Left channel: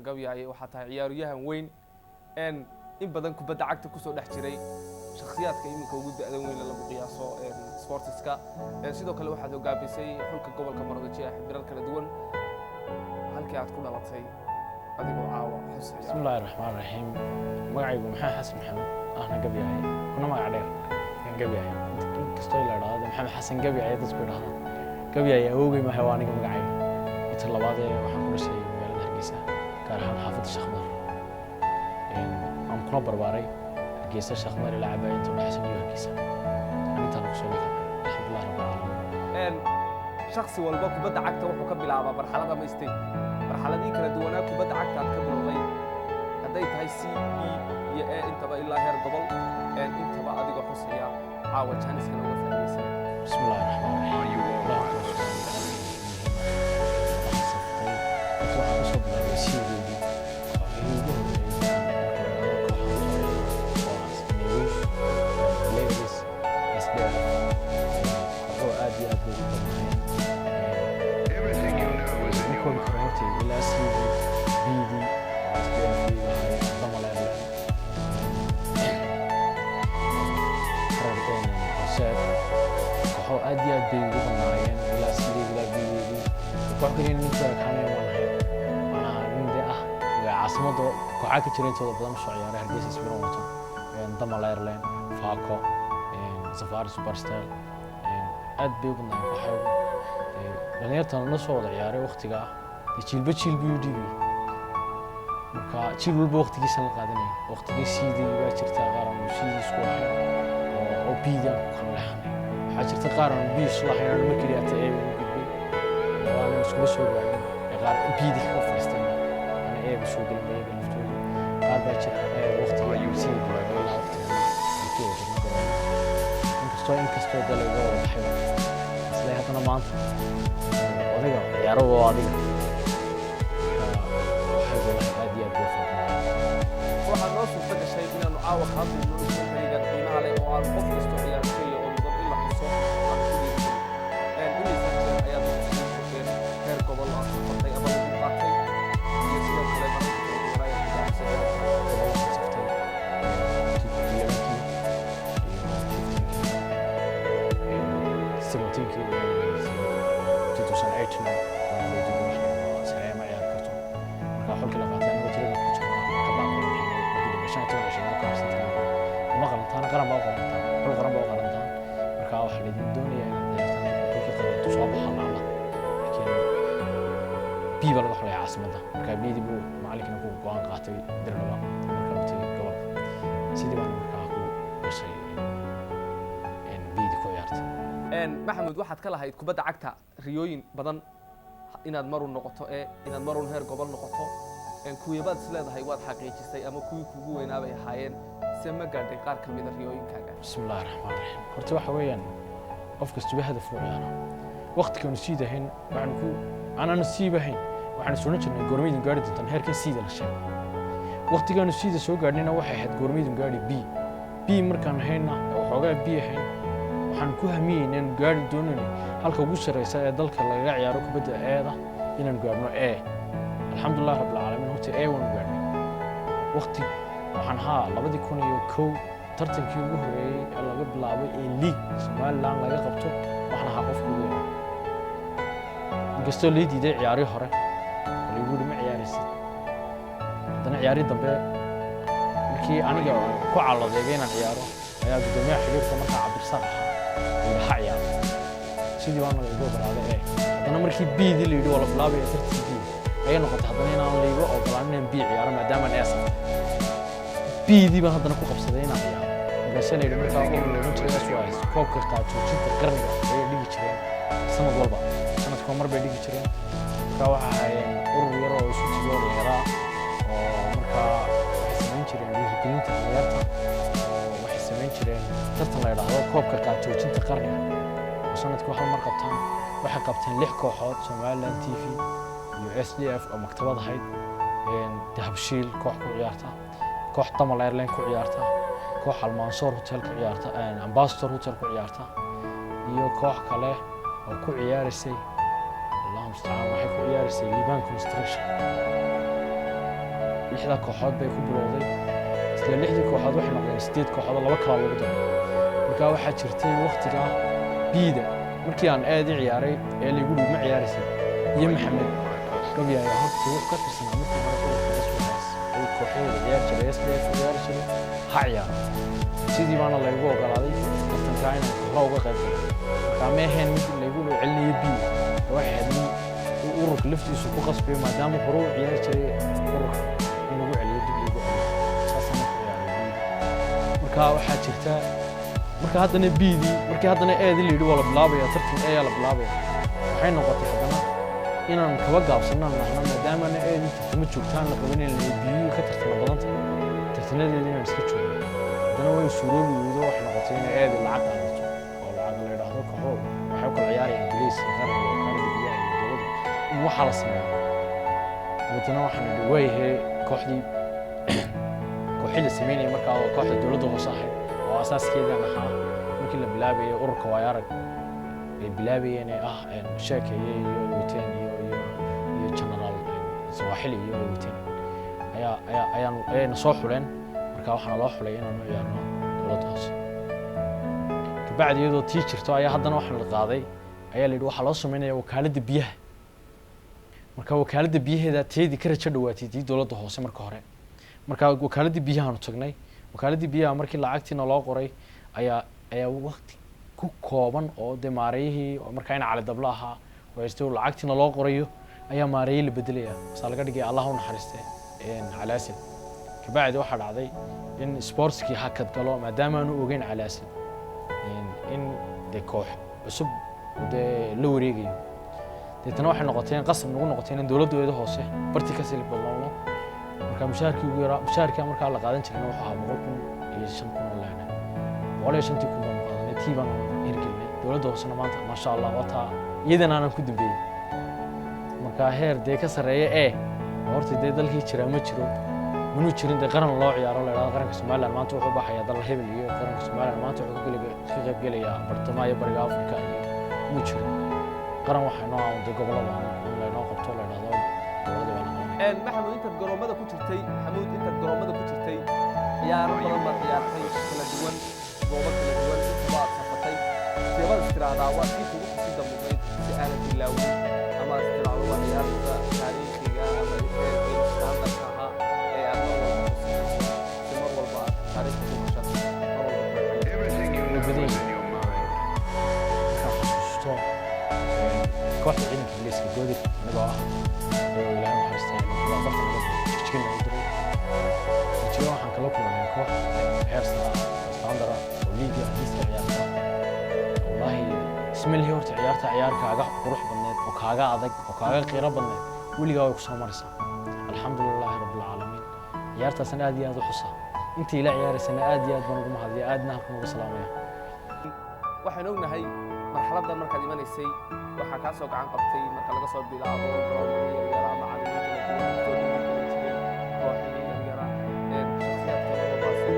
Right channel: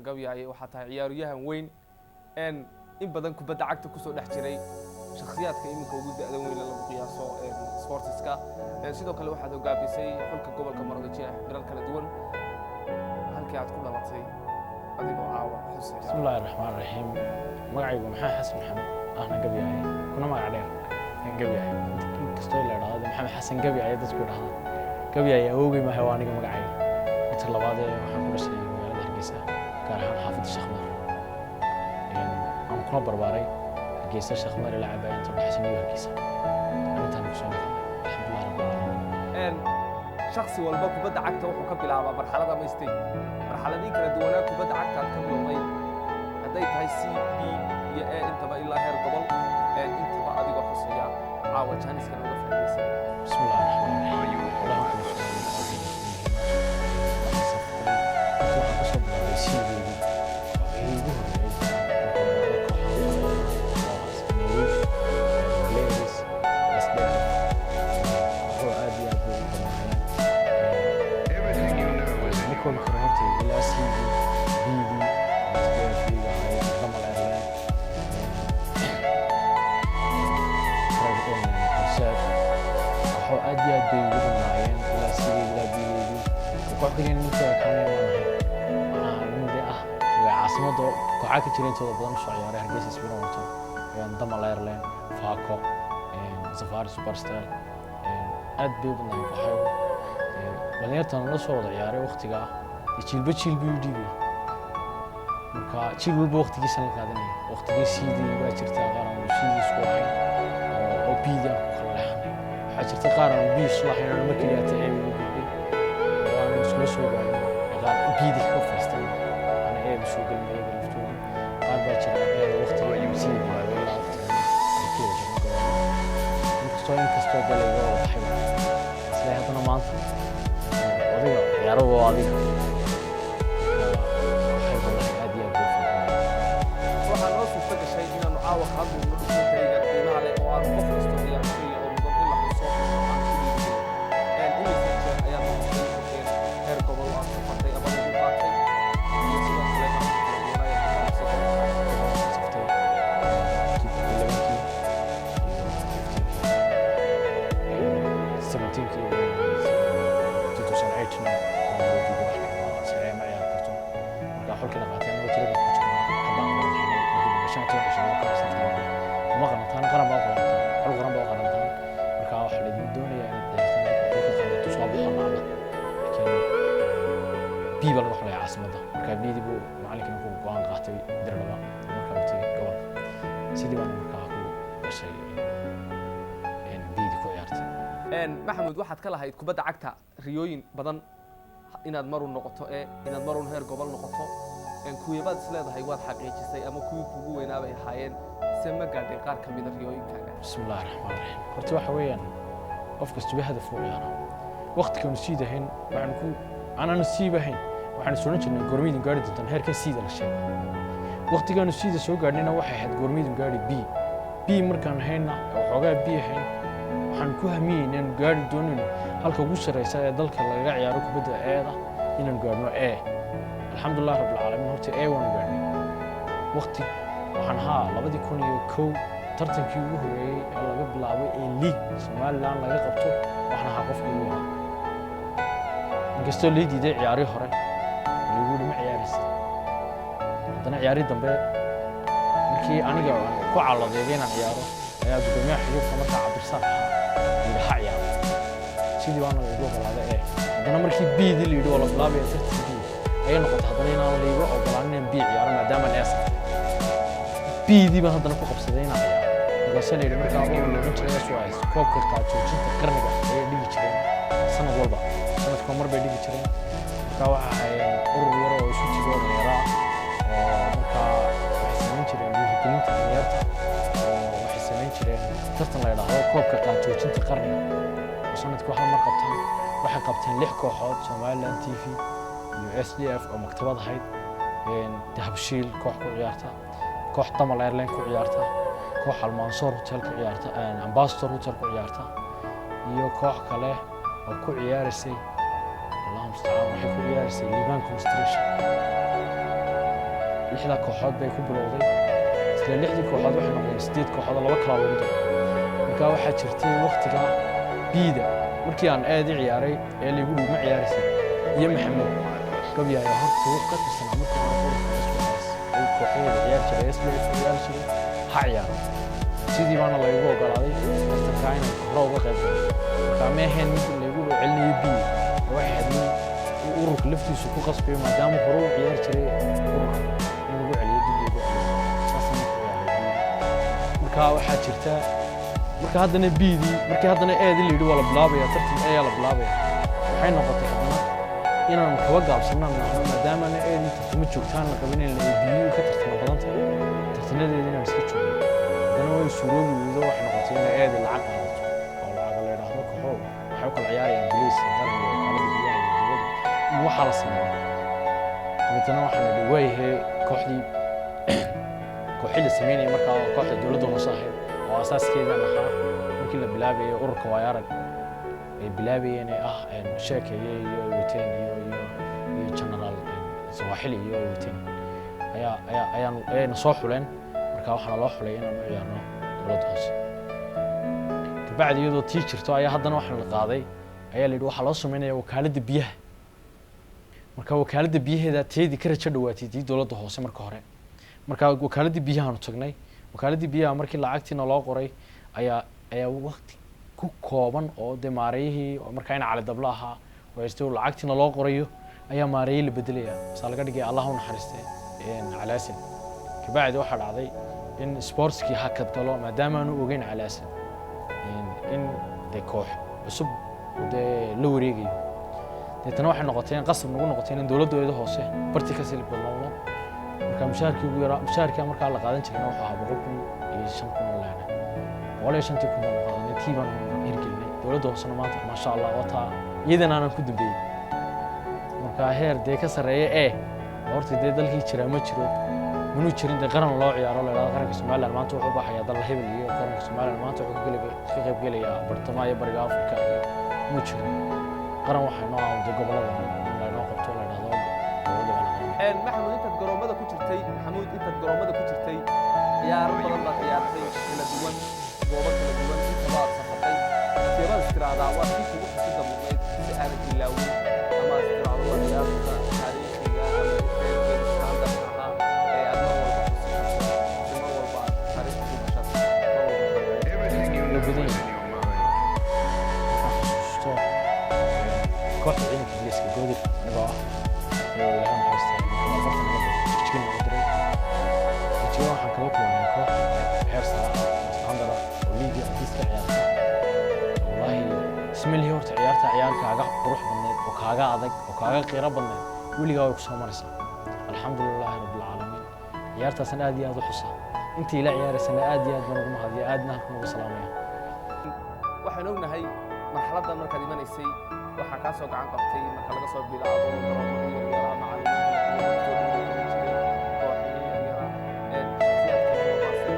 gabyaaye waxaa tahay ciyaaryahan weyn in badan kubadda cagta kusoo dhex jiray shakhsiyaadka iminka ugu da'da weyn lagu qiyaaso sportiska sidoo kale waxaad hogaamisay xulka gobolka Maroodijo ee xiriir kala duwan halkii aad ku dhalatay adigoo caawa xusaya bismillaahir rahmaanir rahiim magacaygu maxamed xasan maxamed ahna gabyaaye kuna magac dheer gabyaaye inkastoo la yiraahdo maxamed xasan gabyaaye dadku yiraahdaan gabyaaye awogay ma hawaaniga magacayga inta labaad waxaan ku dhashay magaalada Hargeysa gaar ahaan xaafadda Sheekh Mar aan kuna barbaaray Hargeysa Sheekh Mar ilaa cabaayay inta dhaxsan iyo Hargeysa arintaan ku soo leeyahay alxamdulillah rabbil aalamiin shakhsi walba kubadda cagta wuxuu ka bilaabaa marxalada ma istay marxaladii kala duwanaa kubadda cagta aad ka bilowday haday tahay C B iyo A intaba ilaa heer gobol intaba adigoo xusaya caawa jaaniskan uga faa'iideysan bismillaahir rahmaanir rahiim waxaan ku soo bilaabay siideedii oo ugu horeeyay kooxaha soo ciyaaro oo Asneerus Players SDF kooxo aad iyo aad u badnaayeen markuu ka hortay ilaa CD BD oo SDF iga hayay Damalerland Horseed kooxo aad iyo aad bay ugu badnaayeen ilaa CD ilaa BD koox kaliya ninka kaanay ma ahayn عندي عاصمته كوحاك جرين تود بدن soo ciyaaray Hargeysa Isbiran wata Damalerland Faco Safari Superstar aad bay u badnaan kooxaygu dhalinyartan la soo wada ciyaaray waqtiga jilba UDB marka jil walba waqtigiisa la qaadanay waqtigii sidii baa jirta qaran sidii isku ahayn oo biidan ku khalaxnay waxa jirta qaran biis lahayn markii ay tahay ugu gudbay oo aan isku soo gaarin qaar biidi ka fariistaan ana ee soo galin bayaga laftooda qaar baa jira waqtiga ay sii bilaabay ilaa waqtiga ay ku jirna garoon inkastoo dalay wada baxayba asla hadana maanta adiga ciyaaro oo adiga waxay golahay aad iyo aad u fadlan waxaan noo suurta gashay inaanu caawa ka hadlayno documentary-ga qiimaha leh oo aan qof kasto ciyaartooy oo mudan in la xuso aan ku dhiirigelin imisa jeer ayaad noqotay qofeen heer gobol aad safartay ama lagu qaatay iyo sidoo kale barnaamijka kala duwan ayaa hogaamisay gobolka saftay 11kii iyo 15kii 2018 waana loo diiday wax laga sareeyo ma ciyaar karto marka xulkii la qaatay anagoo tirada ku jirnaa ka baaqday waxay markii dambe 15 shaqada ka haysatay uma qalantaan qaran baa qalantaan xul qaran baa qalantaan marka waxa la doonayaa inaad ciyaartaan xulkii qaran soo baxaan alla laakiin biiba laga xulay caasimada marka biidi buu macallinkina ku go'aan qaatay dirdhaba marka uu tagay gobolka sidii baan markaa ku gashay biidi ku ciyaartay maxamed waxaad ka lahayd kubadda cagta riyooyin badan inaad maru noqoto inaad maru heer gobol noqoto kuwiibaad isleedahay waad xaqiijisay ama kuwii kugu weynaabay ahaayeen سما قاعد يقار كمية ريوين كذا. بسم الله الرحمن الرحيم. قرتي واحد وين أفكس تبي هذا فوق يعني. وقت كانوا سيدا هين وعنكو أنا نسيبه هين وعن سونش إنه جورميدن قاعد تنهار كان سيدا للشيء. وقت كانوا سيدا سو قاعدين واحد جورميدن قاعد بي مركان هنا وحاجة بي هين وحنكو همين إنه قاعد دونني هالك وصل رئيسة ذلك اللي قاعد يعرف بدأ هذا إنه قاعدنا الحمد لله رب العالمين هو تي وانقاعدين. وقت waxaan haa 2001 tartankii ugu horeeyay ee laga bilaabay league Somaliland laga qabto waxna haa qofka ugu yaraa inkastoo leediiday ciyaari hore oo lagu dhimay ciyaarisid haddana ciyaari dambe markii aniga ku caladeegay inaan ciyaaro ayaa gudoomiyaha xiriirka markaa Cabdirsaaq yiri ha ciyaaro sidii waan lagu ogolaaday haddana markii biidi la yiri wala bilaabay tartankii ay noqotay haddana inaan liigo ogolaanin bii ciyaaro maadaama aan eesafay بيدي بان هادنا كو قبسدين aan ciyaar magaashan ay markaa urur loo jiray SYS koobka qaadjoojinta qarniga ay dhigi jireen sanad walba sanadka mar bay dhigi jireen markaa waxa hayeen urur yar oo isu tigo dheeraa oo markaa waxay sameyn jireen dhiirigelinta dhalinyarta oo waxay sameyn jireen tartan la yiraahdo koobka qaadjoojinta qarniga oo sanadka hal mar qabtaan waxay qabteen 6 kooxood Somaliland TV iyo SDF oo maktabad ahayd dahabshiil koox ku ciyaarta koox Damalerland ku ciyaarta koox Almansoor Hotel ku ciyaarta Ambassador Hotel ku ciyaarta iyo koox kale oo ku ciyaarisay اللهم استعان waxay ku ciyaarisay Liban Construction lixda kooxood bay ku bilowday isla lixdii kooxood waxay noqdeen 8 kooxood oo laba kala lagu daray marka waxaa jirtay waqtiga biida markii aan aad i ciyaaray ee liigu dhig ma ciyaaraysid iyo maxamed gabyaya horta wuxuu ka tirsanaa markii hore ururka SYS oo kooxeeda ciyaar jiray SDF ciyaar jiray ha ciyaaro sidii baana laygu ogolaaday tartanka inaan hore uga qayb galo marka ma ahayn mid laygu celinayo biida waxay ahayd mid ururka laftiisu ku qasbay maadaama hore u ciyaar jiray ururka in lagu celiyo dib lagu celiyo saasana ku ciyaaray biida marka waxaa jirta marka haddana biidii markii haddana eedii la yidhi waa la bilaabaya tartan ayaa la bilaabaya waxay noqotay haddana inaan kaba gaabsanaan nahno maadaamana eedii tartamo joogtaan la qaban in biidii ka tartana badan tahay tartanadeeda inaan iska joogno haddana way suuroobi weydo waxay noqotay in eedii lacag qaadato oo lacag la yidhaahdo kooxo waxay u kala ciyaarayaan biliis iyo qaran iyo wakaalada biyaha iyo dowladda in waxaa la sameeyo dabeetana waxaan idhi waayahee kooxdii la sameynayay markaa kooxda dowladda hoose ahayd oo asaaskeedan ahaa markii la bilaabayay ururka waayarag ay bilaabayeen ee ah sheekeeye iyo ay wateen iyo generaal sawaaxili iyo ay wateen ayayna soo xuleen markaa waxaana loo xulay inaan u ciyaarno dowladda hoose kabacdi iyadoo tii jirto ayaa haddana waxaan la qaaday ayaa la yidhi waxaa loo sameynaya wakaaladda biyaha marka wakaaladda biyaheeda teedii ka rajo dhawaatay tii dowladda hoose marka hore marka wakaaladda biyahaanu tagnay wakaaladda biyaha markii lacagtiina loo qoray ayaa waqti ku kooban oo dee maareeyihii markaa in cali dablo ahaa wayste lacagtiina loo qorayo ayaa maareeyey la bedelaya masaa laga dhigay allah u naxariiste calaasan kabacdi waxaa dhacday in sportskii hakad galo maadaama aanu ogeyn calaasan in dee koox cusub dee la wareegayo deetana waxay noqotay qasab nagu noqotay in dowladdeeda hoose barti ka sii badnawno marka mushaharkii ugu yaraa mushaharkii markaa la qaadan jirayna wuxuu ahaa 100,000 oo laana 150,000 baan qaadanay tii baan hirgelinay dowladda hoosena maanta ma sha Allah wata iyadana aan ku dambeeyay marka heer dee ka sareeya horta dee dalkii jira ma jiro manuu jirin dee qaran loo ciyaaro la yiraahdo qaranka Soomaaliland maanta wuxuu baxayaa dal hebel iyo qaranka Soomaaliland maanta wuxuu ka qayb gelayaa bartamaha iyo bariga Afrika iyo ma jiro qaran waxay noo ah dee gobolada in la noo qabto la yiraahdo maxamuud intaad garoomada ku jirtay ciyaaro badan baad ciyaartay kala duwan goobo kala duwan intaba aad safatay seebaad istiraahdaa waa si kugu xisida mudnayd si aanad bilaawin ama istiraahdo waa ciyaarta taariikhiga ama heerka standardka ahaa ee aad mar walba xusi karto si mar walba aad taariikhda ku gashato mar walba markaan xasuusto kooxda ciidanka ingiriiska goodir anigoo ah oo ilaahay naxariistay markii barta naga diray jigjigan u diray jigjigan waxaan kala kulmay koox heer sare ah oo standard ah oo liiga adiiska ciyaarta wallahi ismilhi horta ciyaarkaaga qurux badneed oo kaaga adag oo kaaga qiiro badneed weligaa way ku soo maraysaa alxamdulilaahi rabbil caalamiin ciyaartaasna aad iyo aad u xusaa intii la ciyaaraysana aad iyo aad baan ugu mahadiyaa aadna halkan ugu salaamaya waxaan ognahay marxaladdan markaad imanaysay waxaa kaa soo gacan qabtay marka laga soo bilaabo garoomadii yaryaraa macallimiin kala duwan oo dhiirigelin jiray kooxihii yaryaraa shakhsiyaadka marwalbaase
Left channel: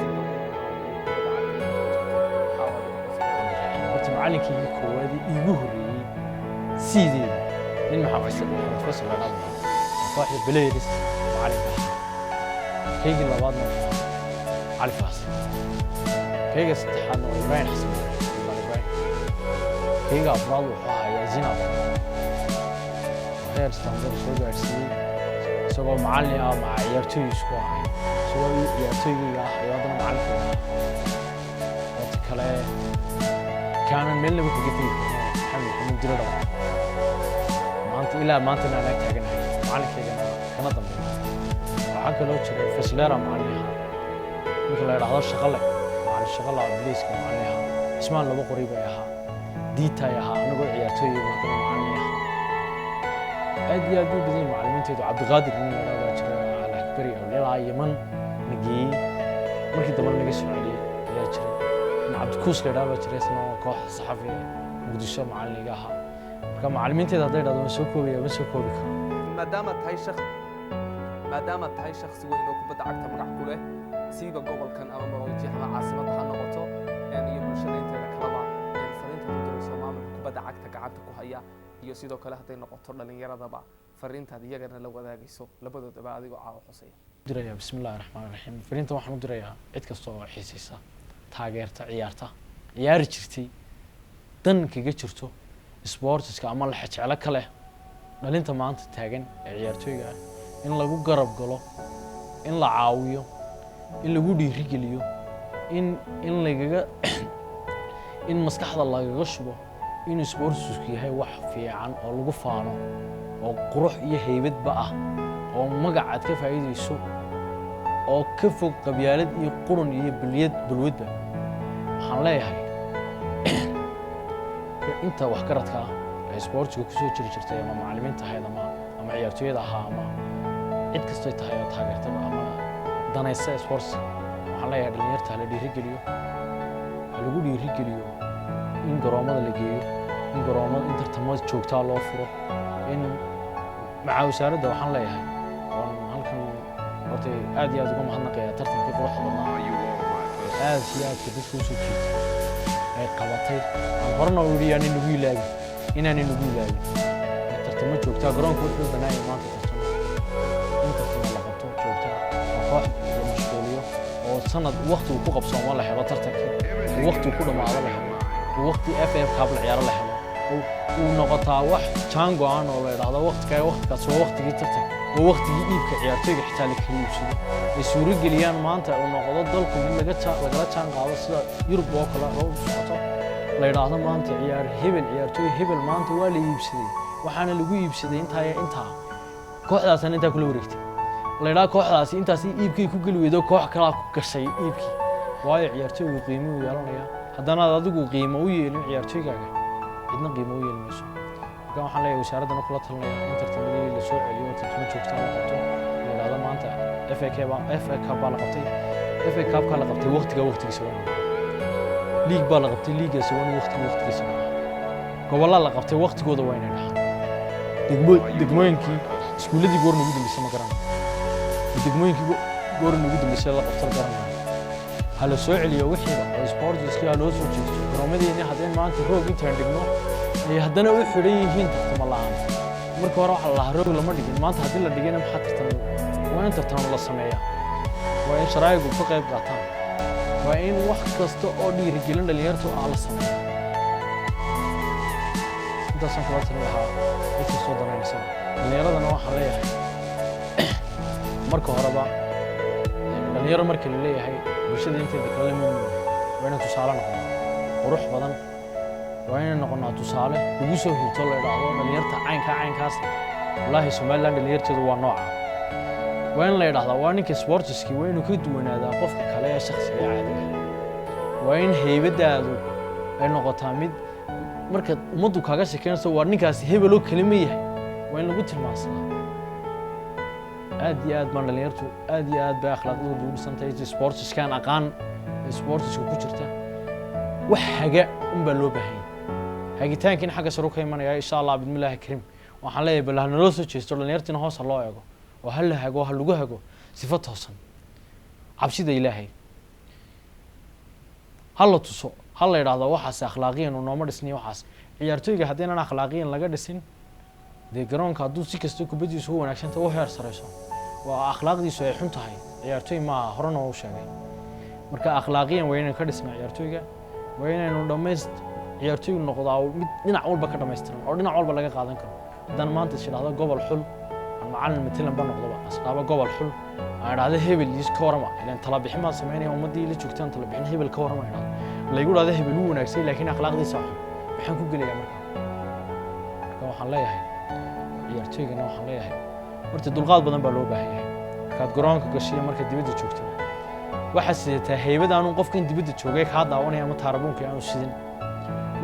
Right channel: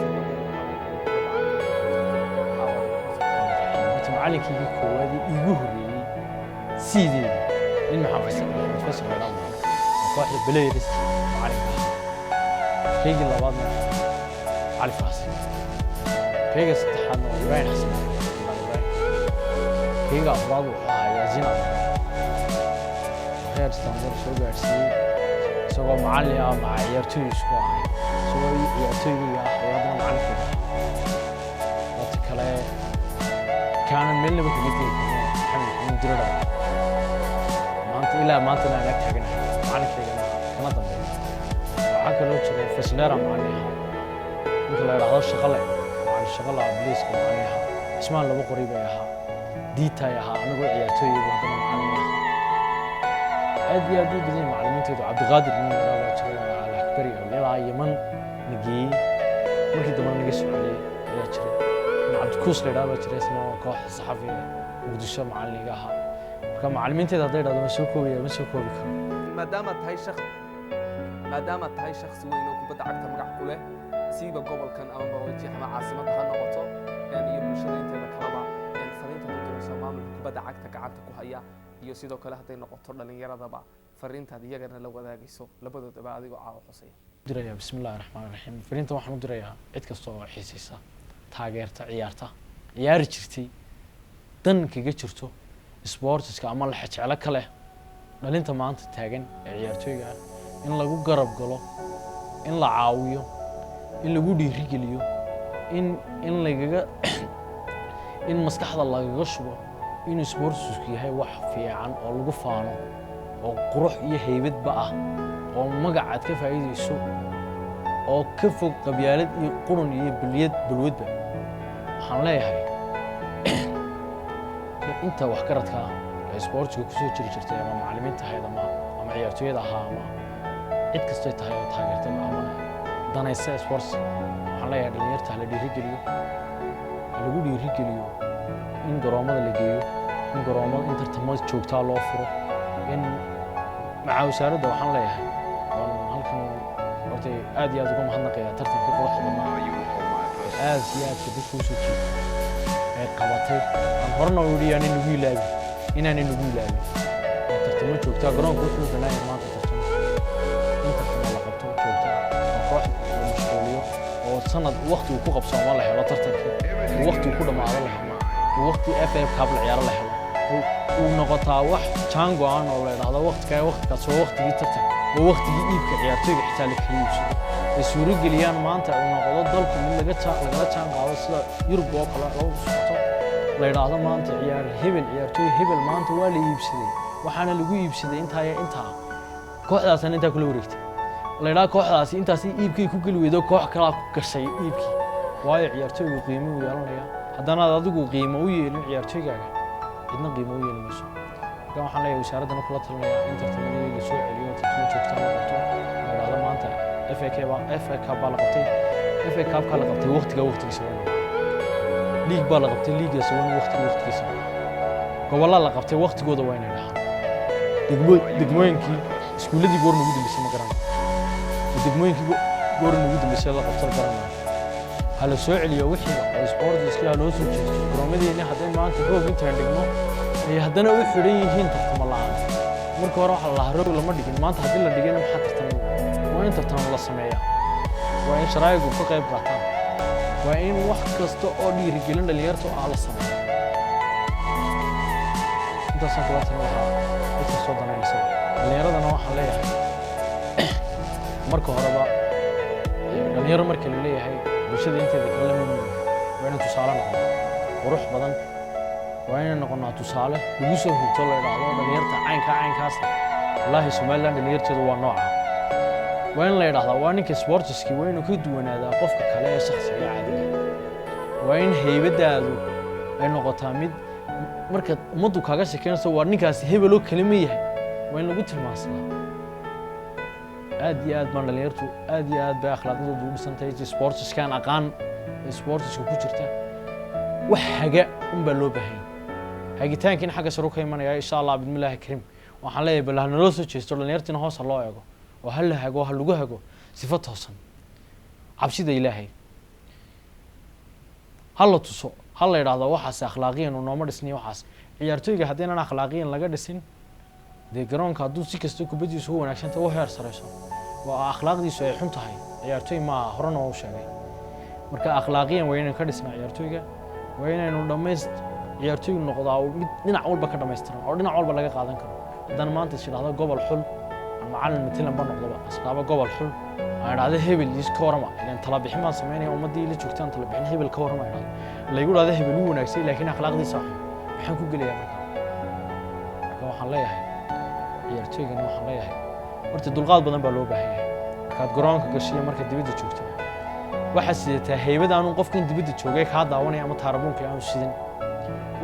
sida ugu mudnaa kubadda cagta caawadiga horta macalinkaygii koowaadii iigu horreeyey sideedii nin maxamed faysal la yidhaahdo oo kooxda Belayris macalinka ahaa kaygii labaadna wuxuu ahaa cali faasi kayga saddexaadna waa ibraahim xasan ibraahim kayga afraad wuxuu ahaa yaasiin abdel oo heer standard soo gaarsiiyey isagoo macallin ah maca ciyaartooy isku ahayn isagoo ciyaartooygayga ah iyo haddana macallinkayga ah waqti kale kaanan meelnaba kaga tegi karno maxamed diradhaba maanta ilaa maantana aan ag taaganahay macalinkaygana kana dambeeya waxaa kaloo jiray faslera macallin ahaa ninka la yidhaahdo shaqale macallin shaqala biliiska macallin ahaa cismaan laba qori bay ahaa diitay ahaa anagoo ciyaartooyaygu haddana macallin ahaa aad iyo aad u badan yihiin macallimiintaydu cabdiqaadir nin la yidhaahdo baa jiray alakbari oo ilaa yaman na geeyey markii dambena naga soo celiyey ayaa jiray cabdikuus la yidhaahdo baa jiray isna kooxda saxafi muqdisho macalliniga ahaa marka macallimiintayda hadday dhahdo ma soo koobi karo maadaama tahay shakhsi weyn oo kubadda cagta magac ku leh siiba gobolkan ama maroojiix ama caasimadda ha noqoto iyo bulshada inteeda kaleba fariintaad u dirayso maamulka kubadda cagta gacanta ku haya iyo sidoo kale hadday noqoto dhallinyaradaba fariintaad iyagana la wadaagayso labadoodaba adigoo caawa xuseeya diraya bismillaahir rahmaanir rahiim fariinta waxaan u dirayaa cid kasta oo xiisaysa taageerta ciyaarta ciyaari jirtay dan kaga jirto sportska ama la jecel kale dhalinta maanta taagan ee ciyaartooyga ah in lagu garab galo in la caawiyo in lagu dhiirigeliyo in lagaga in maskaxda lagaga shubo in sportsku yahay wax fiican oo lagu faano oo qurux iyo haybadba ah oo magacaad ka faa'iideyso oo ka fog qabyaalad iyo qurun iyo balwadba waxaan leeyahay inta wax garadka ee sportsku ku soo jiri jirtay ama macallimiinta ahayd ama ciyaartooyada ahaa ama cid kastoo tahay oo taageertaba ama danaysa sportska waxaan leeyahay dhalinyarta la dhiirigeliyo lagu dhiirigeliyo in garoomada la geeyo in garoomada in tartamada joogtaa loo furo in maca wasaaradda waxaan leeyahay oon halkan horta aad iyo aad uga mahadnaqayaa tartankii quruxda badnaa aad iyo aadka dadka u soo jiitay ee qabatay aan horena u yidhi inaan nagu ilaabin tartamo joogtaa garoonka wuxuu u bannaan yahay maanta tartamo in tartamo la qabto joogtaa oo koox la mashquuliyo oo sanad waqti uu ku qabsoomo la helo tartankii oo waqti uu ku dhammaado la helo oo waqti FA Cup la ciyaaro la helo uu noqotaa wax jaan go'an oo la yidhaahdo waqtigaas waa waqtigii tartanka waa waqtigii iibka ciyaartooyga xitaa la kala iibsado ay suurageliyaan maanta uu noqdo dalku mid lagala jaan qaado sida Yurub oo kale loo socoto la yidhaahdo maanta ciyaartooy hebel maanta waa la iibsaday waxaana lagu iibsaday intaa kooxdaasna intaa kula wareegtay la yidhaahdo kooxdaasi intaasi iibkay ku geli weydo koox kale ku gashay iibkii waayo ciyaartooygu qiimo u yeelanaya haddana adigu qiimo u yeelin ciyaartooygaaga cidna qiimo u yeeli mayso marka waxaan leeyahay wasaaradana kula talinayaa in tartamadii la soo celiyo tartamo joogta la qabto la yiraahdo maanta FA Cup baa la qabtay FA Cup ka la qabtay waqtigiisa waa inuu league baa la qabtay leagueisa waa inuu waqtigiisa gobolada la qabtay waqtigooda waa inay dhaxaan degmooyinkii iskuuladii goor ugu dambeysay ma garanayo degmooyinkii goor ugu dambeysay la qabto garanayo hala soo celiyo wixiiba oo sportska loo soo jeesto garoomadeena haddii maanta roog intaan dhigno ay haddana u xiran yihiin tartamo la'aan marka hore waxa la roog lama dhigin maanta haddii la dhigayna maxaa tartamo waa in tartamo la sameeyaa waa in sharaa'igu ka qayb qaataan waa in wax kasta oo dhiirigelin dhalinyarta la sameeyaa intaasaan kula talin lahaa cid kastoo danaynaysa dhalinyaradana waxaan leeyahay marka horeba dhalinyaro marka la leeyahay bulshada inteeda kala mid waa inaan tusaale noqono qurux badan waa inaan noqonaa tusaale lagu soo hirto la yidhaahdo dhalinyarta caynkaas wallaahi Somaliland dhalinyarteedu waa nooca waa in la yidhaahdaa waa ninka sportski waa inuu ka duwanaadaa qofka kale ee shakhsiga caadiga waa in haybadaadu ay noqotaa mid marka ummaddu kaaga sheekeynayso waa ninkaasi hebel oo kale ma yahay waa in lagu tilmaansadaa aad iyo aad baan dhalinyartu aad iyo aad bay akhlaaqdoodu u dhisantahay sportskan aqaan sportsku ku jirta wax haga baa loo baahan hagitaankiina xagga sare ka imanaya insha Allah bismillaahi kariim waxaan leeyahay bal hana loo soo jeesto dhalinyartina hoos loo eego oo hal hago hal lagu hago sifad toosan cabsida Ilaahay hal la tuso hal la yiraahdo waxaas akhlaaqiyan oo nooma dhisnay waxaas ciyaartooyga haddii aan akhlaaqiyan laga dhisin de garoonka hadduu si kasta kubadiisu u wanaagsan tahay oo heer sareyso waa akhlaaqdiisu ay xun tahay ciyaartooy ma horena u sheegay marka akhlaaqiyan waa inaan ka dhisnaa ciyaartooyga waa inaynu dhameeyst ciyaartooygu noqdaa mid dhinac walba ka dhameystiran oo dhinac walba laga qaadan karo haddana maanta shiraahdo gobol xul aan macallin matalan ba noqdoba asxaaba gobol xul aan raada hebel is ka warama ilaan tala bixin ma sameynay ummadii la joogtaan tala bixin hebel ka warama iraado la igu raada hebel uu wanaagsan laakiin akhlaaqdiisa xun waxaan ku gelayaa marka waxaan leeyahay ciyaartooygana waxaan leeyahay horta dulqaad badan baa loo baahan yahay markaad garoonka gashiyo marka dibadda joogtaba waxa sidataa haybada aanu qofkan dibadda joogay ka daawanaya ama taarabuunka aanu sidin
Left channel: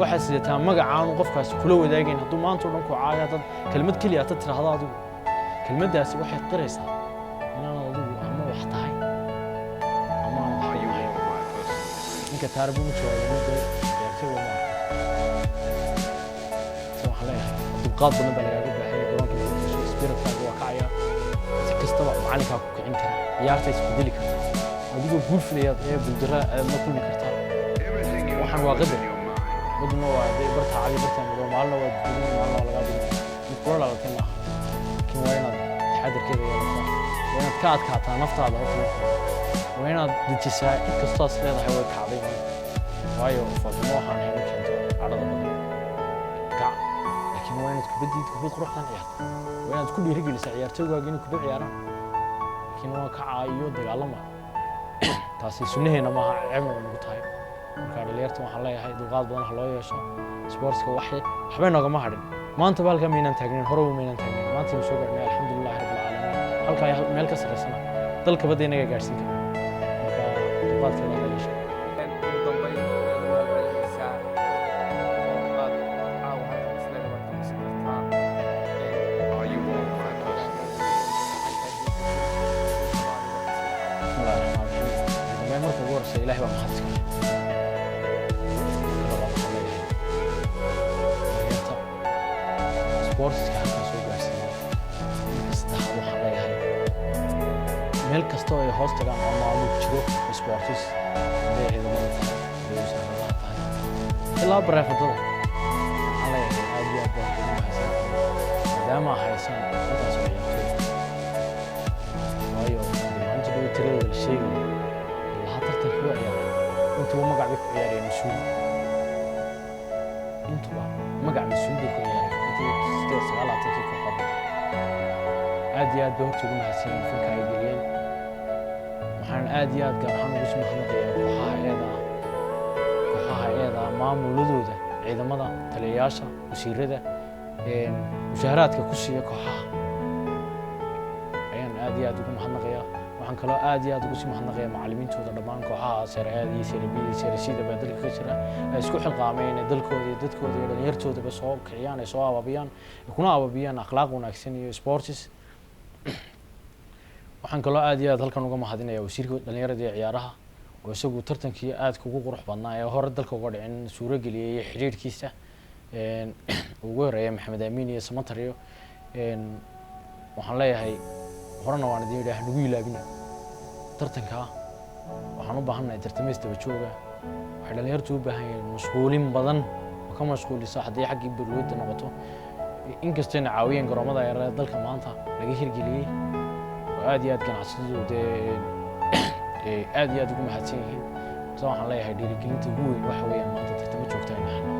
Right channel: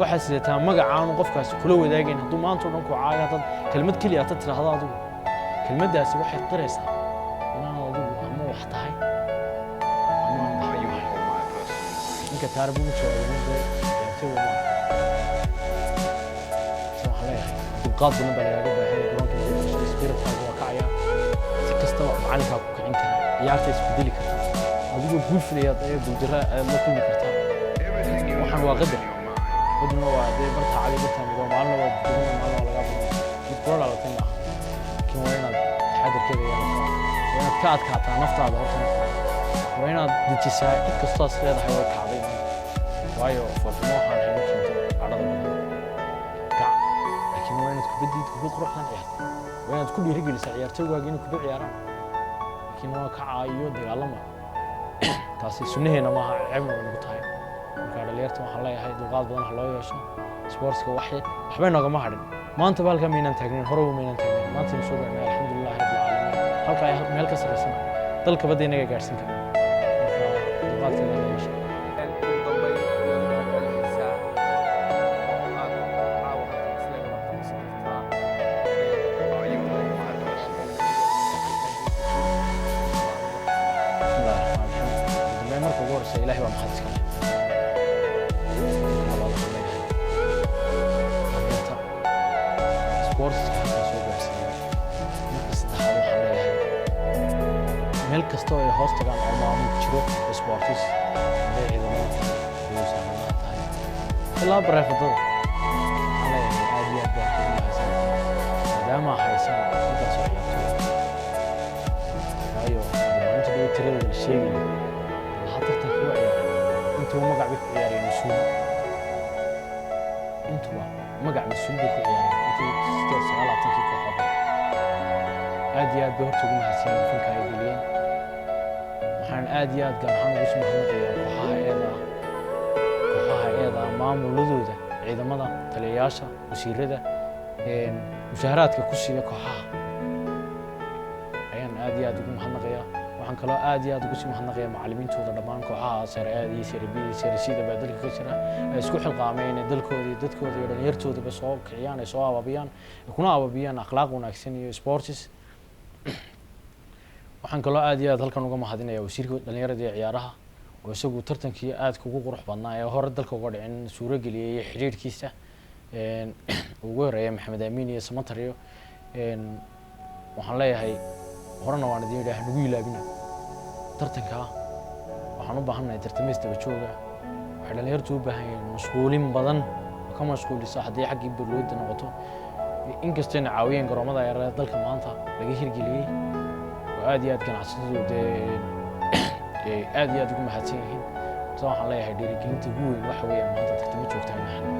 waxa sidataa magaca aanu qofkaas kula wadaagayn hadduu maanta dhan ku caaga dad kelmad kaliya aad tiraahdo adigu kelmaddaasi waxay qiraysaa inaan adigu ama wax tahay ama aan wax tahay ninka taarabuunka joogay muddo ciyaartooyga ma arko waxaan leeyahay dulqaad badan baa lagaaga baahan yahay garoonka markaad gasho spiritkaaga waa kacaya si kastaba macalinkaa ku kicin kara ciyaarta isbedeli karta adigoo guul filayaad ee guuldara aad la kulmi kartaa waxaan waa qadar badna waa dee barta cadi barta madow maalna waa dadweyne maalna waa laga badnay mid kula dhalatay maaha laakiin waa inaad taxadirkeeda yeelataa waa inaad ka adkaataa naftaada horta marka hore waa inaad dejisaa cid kastaas leedahay way kacday maanta waayo foolxumo waxaan hayno keento cadhada badan kac laakiin waa inaad kubad quruxdan ciyaartaa waa inaad ku dhiirigelisaa ciyaartooygaaga inay kubad ciyaaraan laakiin waa kacaa iyo dagaalama taasi sunnaheena maaha ceebna way nagu tahay marka dhalinyarta waxaan leeyahay dulqaad badan ha loo yeesho sportska waxbay noogama hadhin maanta ba halkaa maynaan taagnayn horeba maynaan taagnayn maanta aynu soo gaarnay alxamdulillahi rabbil caalamiin halkaa meel ka sarreysana dalka badda inaga gaadhsiin karna marka dulqaadkeeda ha la yeesho ugu dambayn ayaad u mahad celinaysaa oo aad caawa halkan isleeda waad ka xusi kartaa bismillahi raxmaan raxiim ugu dambeyn marka ugu horreysa ilaahay baa mahad iska leh marka labaad waxaan leeyahay dhalinyarta sportska halkaa soo gaarsiiyey marka saddexaad waxaan leeyahay meel kasta oo ay hoos tagaan oo maamul jiro sportis hadday ciidamada tahay hadday wasaaradaha tahay ilaa bareefadada waxaan leeyahay aad iyo aad baan ugu mahadsantahay maadaama haysaan intaas oo ciyaartooy waayo dee maalinta dhow tiradooda la sheegaya allaha tartanka u ciyaaray intuba magac bay ku ciyaareen mas-uul intuba magac mas-uul bay ku ciyaareen intii 19 kooxood aad iyo aad bay horta ugu mahadsan yihiin fanka ay geliyeen waxaan aad iyo aad gaar ahaan ugu sii mahadnaqayaa kooxaha eeda maamuladooda ciidamada taliyayaasha wasiirada mushaaraadka ku siiya kooxaha ayaan aad iyo aad ugu mahadnaqayaa waxaan kaloo aad iyo aad ugu sii mahadnaqayaa macallimiintooda dhammaan kooxaha Serie A iyo Serie B iyo Serie C baa dalka ka jira ay isku xilqaameen dalkooda iyo dadkooda iyo dhalinyartoodaba soo kiciyaan ay soo abaabiyaan kuna abaabiyaan akhlaaq wanaagsan iyo sports waxaan kaloo aad iyo aad halkan uga mahadinayaa wasiirka dhalinyarada iyo ciyaaraha oo isagu tartankii aad ugu qurux badnaa ee hore dalka uga dhicin suuro geliyay xiriirkiisa ugu horeeyay Maxamed Amiin iyo Samatar iyo waxaan leeyahay horena waan idin yidhaah nagu ilaabina tartanka waxaan u baahanahay tartamaystaba jooga waxay dhalinyartu u baahan yihiin mashquulin badan oo ka mashquulisa haddii xaggii bulshada noqoto inkastoo ay caawiyeen garoomada yaryar ee dalka maanta laga hirgeliyay oo aad iyo aad ganacsatadu aad iyo aad ugu mahadsan yihiin waxaan leeyahay dhiirigelinta ugu weyn waxa weeyaan maanta tartamo joogta in la helo